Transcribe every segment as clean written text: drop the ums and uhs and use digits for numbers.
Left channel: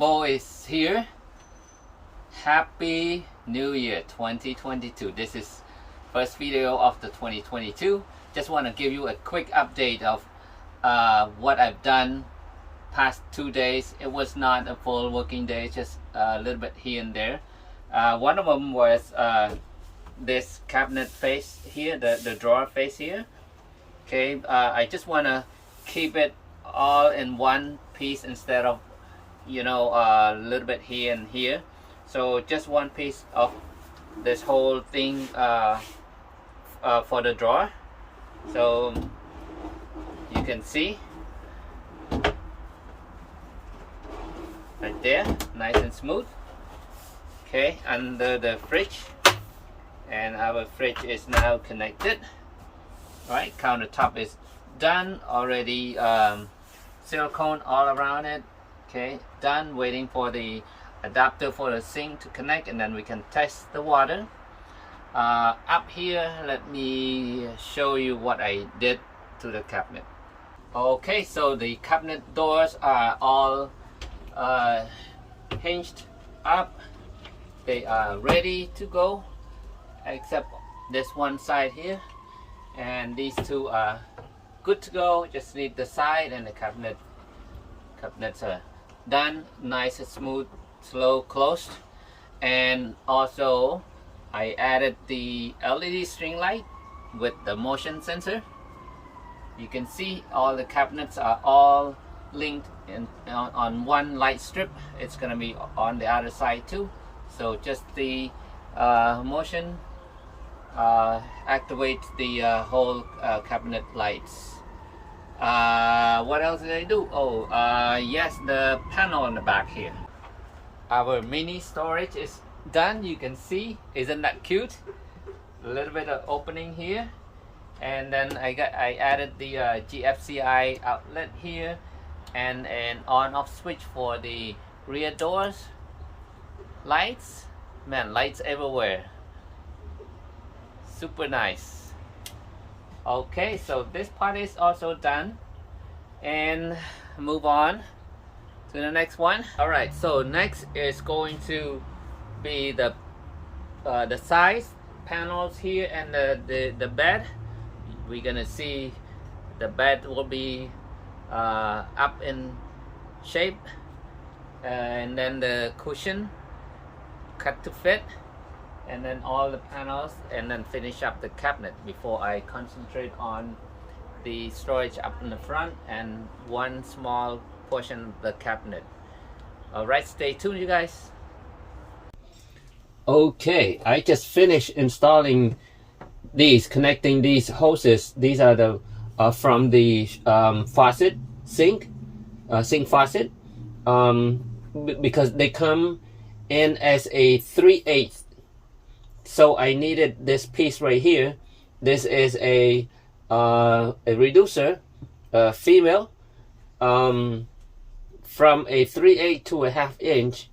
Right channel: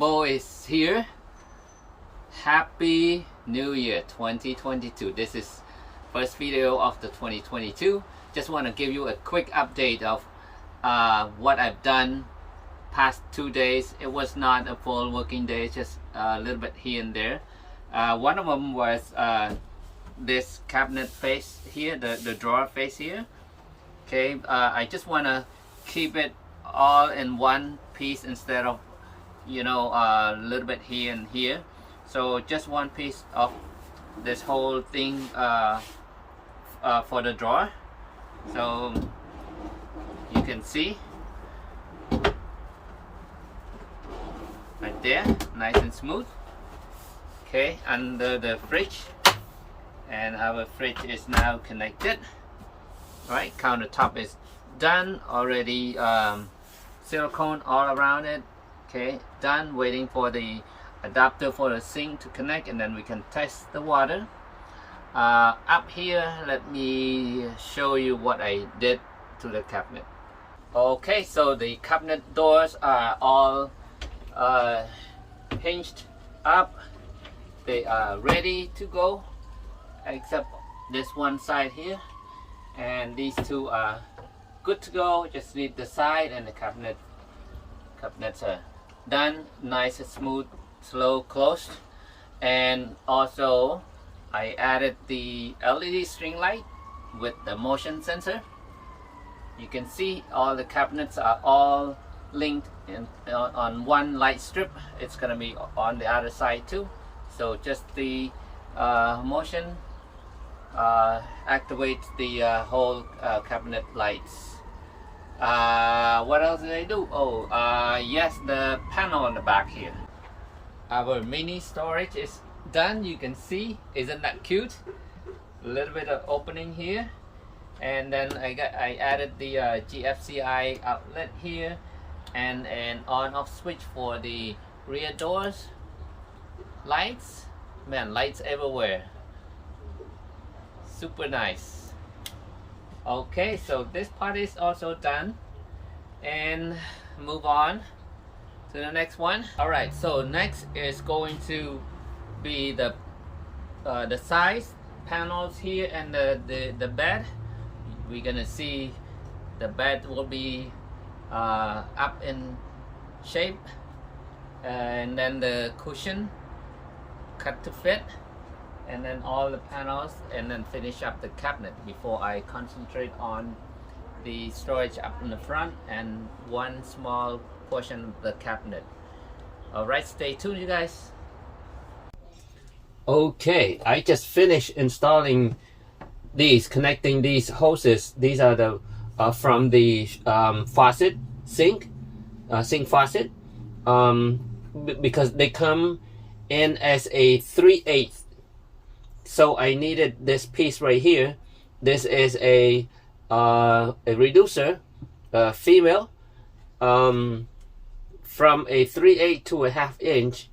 Bo is here. Happy New Year 2022. This is first video of the 2022. Just want to give you a quick update of what I've done past 2 days. It was not a full working day, just a little bit here and there. One of them was this cabinet face here, the drawer face here. Okay, I just want to keep it all in one piece instead of, you know, a little bit here and here. So just one piece of this whole thing for the drawer. So you can see right there, nice and smooth. Okay, under the fridge, and our fridge is now connected. Right, countertop is done already. Silicone all around it. Okay, done. Waiting for the adapter for the sink to connect, and then we can test the water. Up here, let me show you what I did to the cabinet. Okay, so the cabinet doors are all hinged up. They are ready to go, except this one side here, and these two are good to go. Just need the side, and the cabinets are done, nice and smooth, slow closed. And also I added the LED string light with the motion sensor. You can see all the cabinets are all linked on one light strip. It's gonna be on the other side too. So just the motion activates the whole cabinet lights. What else did I do? Oh, yes, the panel on the back here. Our mini storage is done. You can see, isn't that cute? A little bit of opening here, and then I added the GFCI outlet here, and an on-off switch for the rear doors. Lights, man, lights everywhere. Super nice. Okay, so this part is also done, and move on to the next one. All right, so next is going to be the size panels here, and the bed. We're gonna see the bed will be up in shape, and then the cushion cut to fit, and then all the panels, and then finish up the cabinet before I concentrate on the storage up in the front and one small portion of the cabinet. All right, stay tuned, you guys. Okay, I just finished installing these, connecting these hoses. These are the from the faucet, sink faucet, because they come in as a 3/8. So I needed this piece right here. This is a reducer, female, from a 3/8 to a 1/2 inch,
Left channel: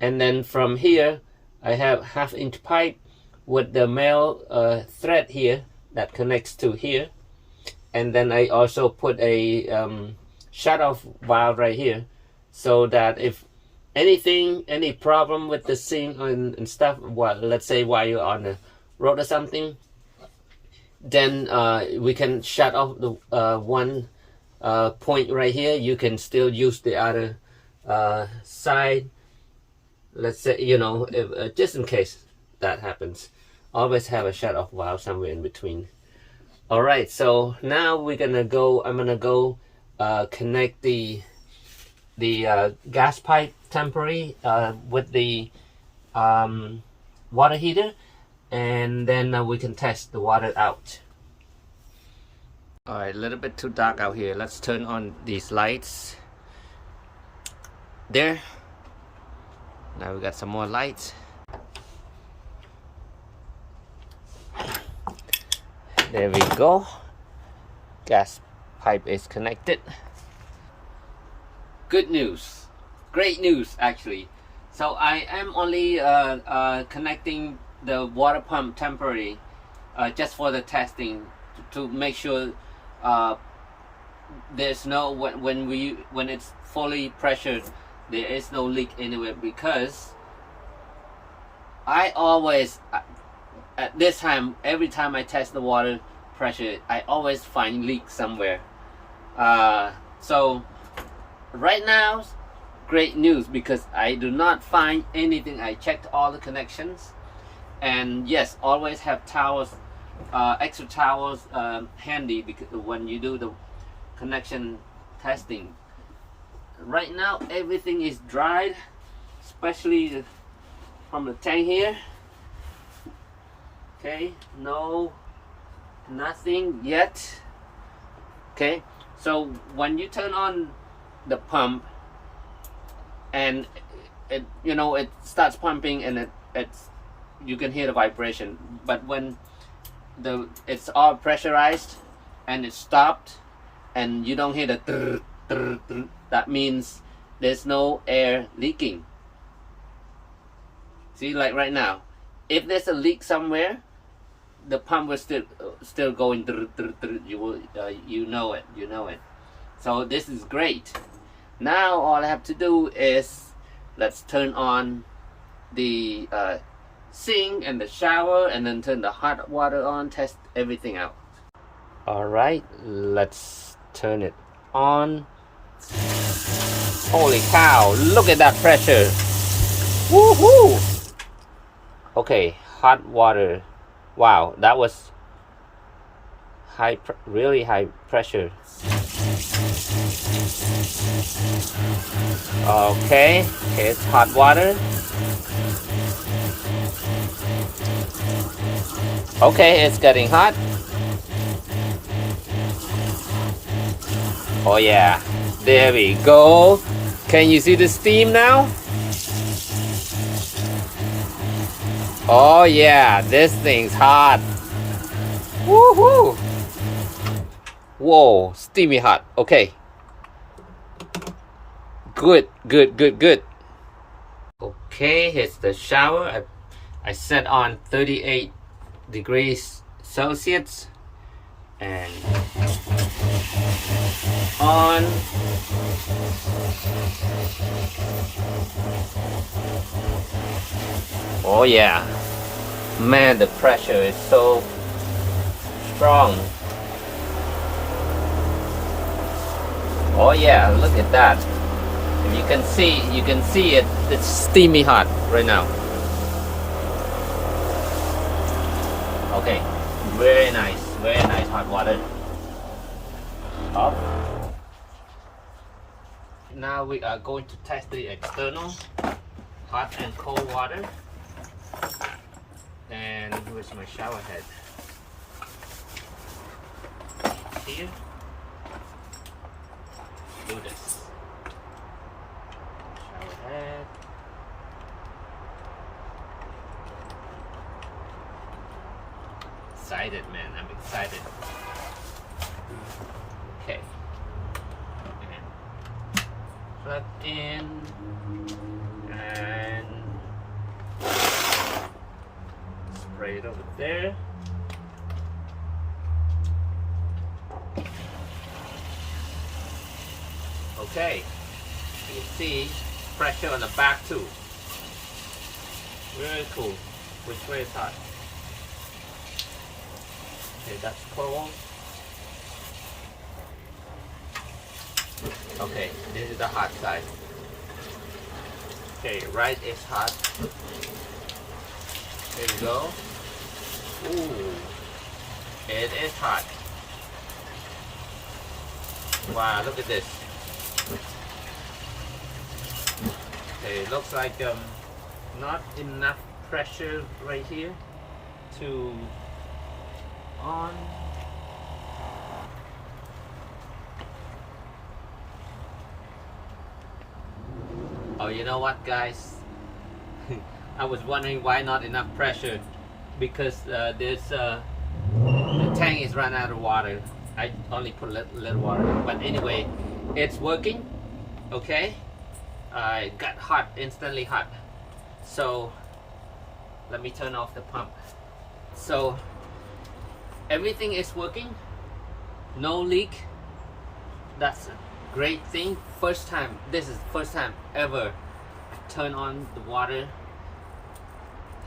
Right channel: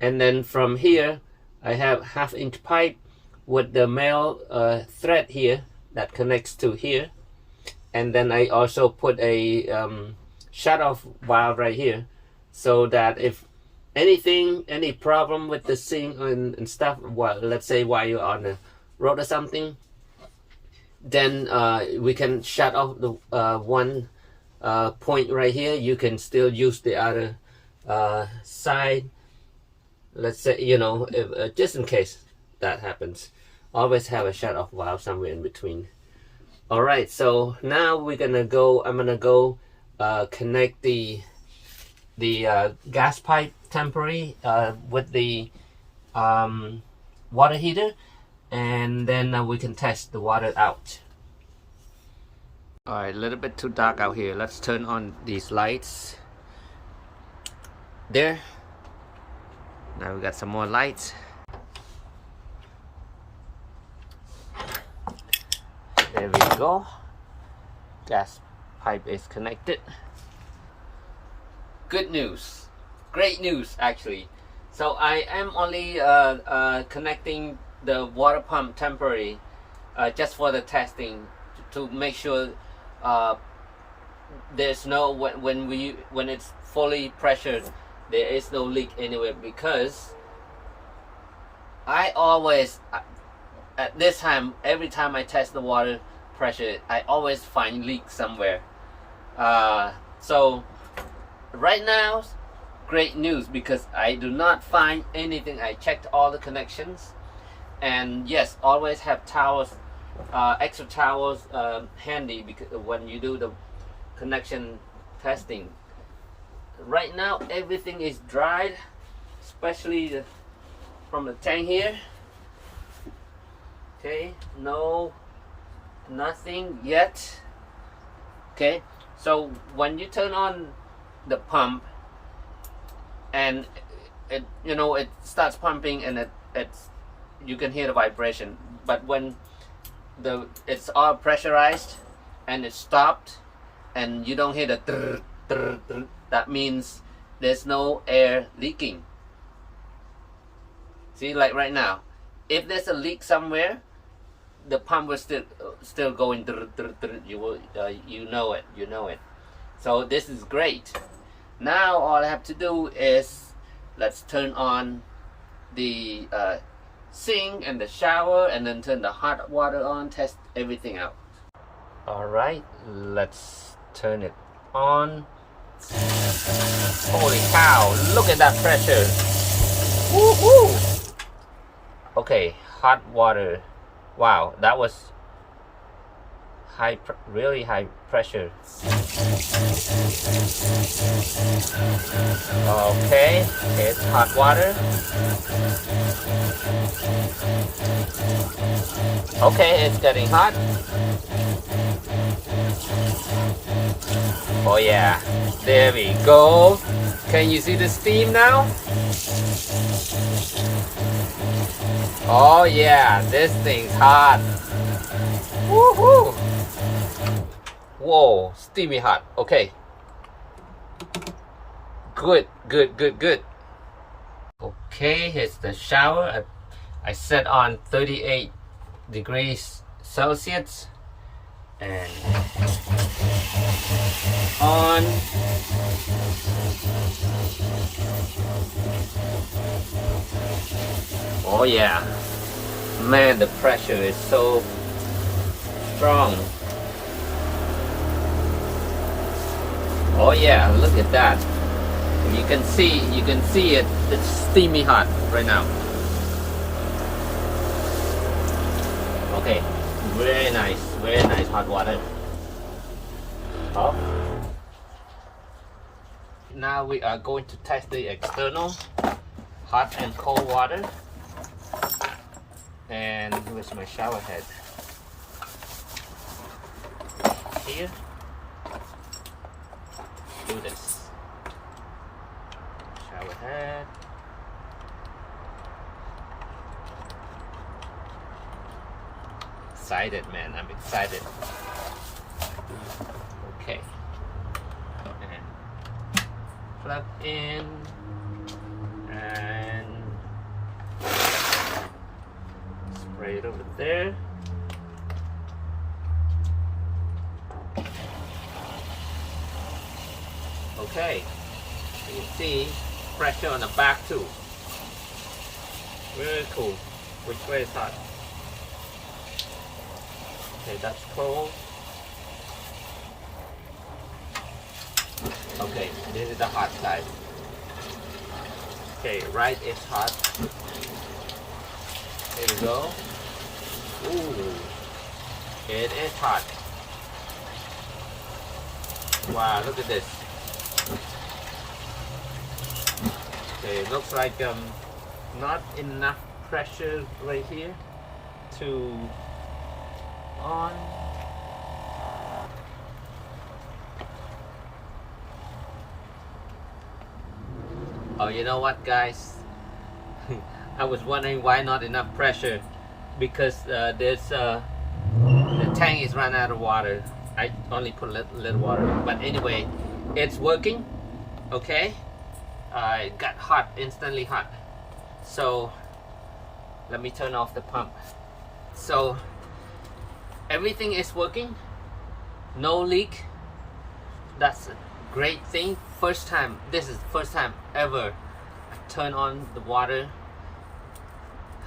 and then from here I have 1/2 inch pipe with the male thread here that connects to here, and then I also put a shut-off valve right here, so that if any problem with the sink and stuff, let's say while you're on the road or something, then we can shut off the one point right here. You can still use the other side, let's say, you know, if, just in case that happens. Always have a shut off valve somewhere in between. All right, so now I'm gonna go connect the gas pipe temporary with the water heater, and then we can test the water out. All right, a little bit too dark out here. Let's turn on these lights. There. Now we got some more lights. There we go. Gas pipe is connected. Good news. Great news, actually. So I am only connecting the water pump temporary, just for the testing, to make sure there's no when it's fully pressured, there is no leak anywhere, because I always, at this time, every time I test the water pressure, I always find leak somewhere. So right now, great news, because I do not find anything. I checked all the connections, and yes, always have towels, extra towels handy, because when you do the connection testing. Right now everything is dried, especially from the tank here. Okay, no, nothing yet. Okay, so when you turn on the pump and it, you know, it starts pumping, and it's you can hear the vibration, but when it's all pressurized and it stopped and you don't hear the trrr, trrr, trrr, that means there's no air leaking. See, like right now, if there's a leak somewhere, the pump will still going trrr, trrr, trrr. You will you know it. So this is great. Now all I have to do is, let's turn on the sink and the shower, and then turn the hot water on, test everything out. Alright, let's turn it on. Holy cow, look at that pressure. Woohoo! Okay, hot water. Wow, that was really high pressure. Okay, it's hot water. Okay, it's getting hot. Oh yeah, there we go. Can you see the steam now? Oh yeah, this thing's hot. Woohoo! Whoa, steamy hot. Okay. Good. Okay, here's the shower. I set on 38 degrees Celsius. And on. Oh yeah. Man, the pressure is so strong. Oh yeah, look at that. You can see it. It's steamy hot right now. Okay, very nice hot water. Oh. Now we are going to test the external hot and cold water. And where's my shower head? Here. Do this. Shower head. Excited, man. I'm excited. Okay. And plug in. And spray it over there. Okay, you can see pressure on the back too. Very cool. Which way is hot? Okay, that's cold. Okay, this is the hot side. Okay, right is hot. Here we go. Ooh, it is hot. Wow, look at this. Okay, it looks like not enough pressure right here to on. Oh, you know what, guys? I was wondering why not enough pressure, because there's the tank is run out of water. I only put a little water, but anyway, it's working. Okay, it got hot, instantly hot. So let me turn off the pump. So everything is working, no leak. That's great thing, this is the first time ever I turn on the water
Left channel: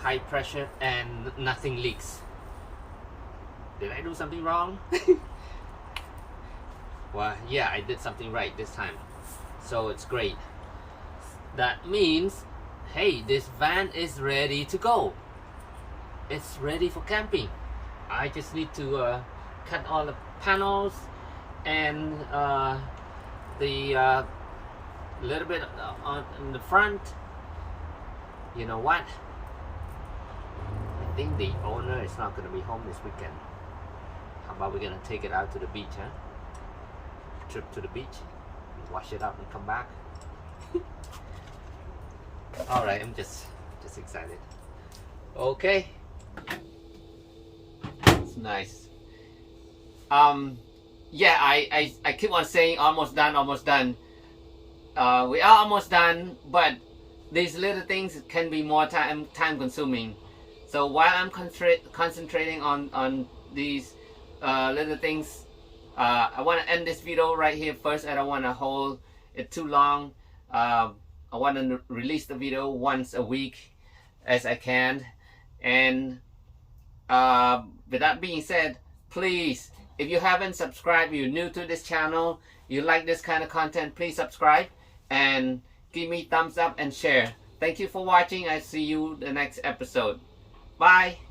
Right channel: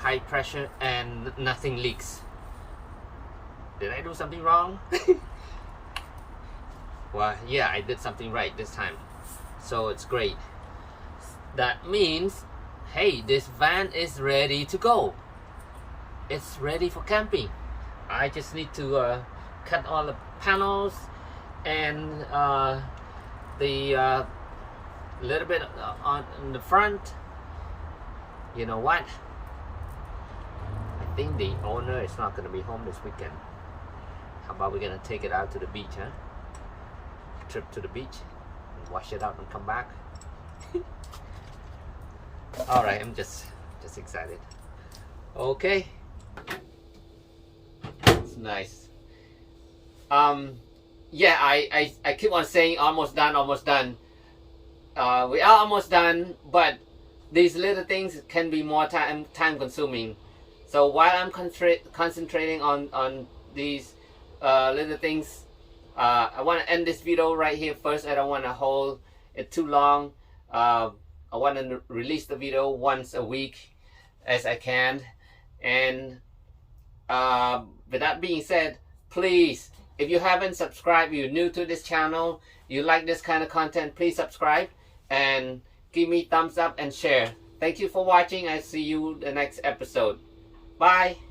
high pressure and nothing leaks. Did I do something wrong? Well, yeah, I did something right this time, so it's great. That means, hey, this van is ready to go. It's ready for camping. I just need to cut all the panels and the little bit on the front. You know what? I think the owner is not going to be home this weekend. How about we're going to take it out to the beach, huh? Trip to the beach and wash it up and come back. All right, I'm just excited. Okay, it's nice. Yeah, I keep on saying almost done. We are almost done, but these little things can be more time consuming. So while I'm concentrating on these little things, I want to end this video right here first. I don't want to hold it too long. I want to release the video once a week as I can. And with that being said, please, if you haven't subscribed, you're new to this channel, you like this kind of content, please subscribe and give me thumbs up and share. Thank you for watching. I see you the next episode. Bye.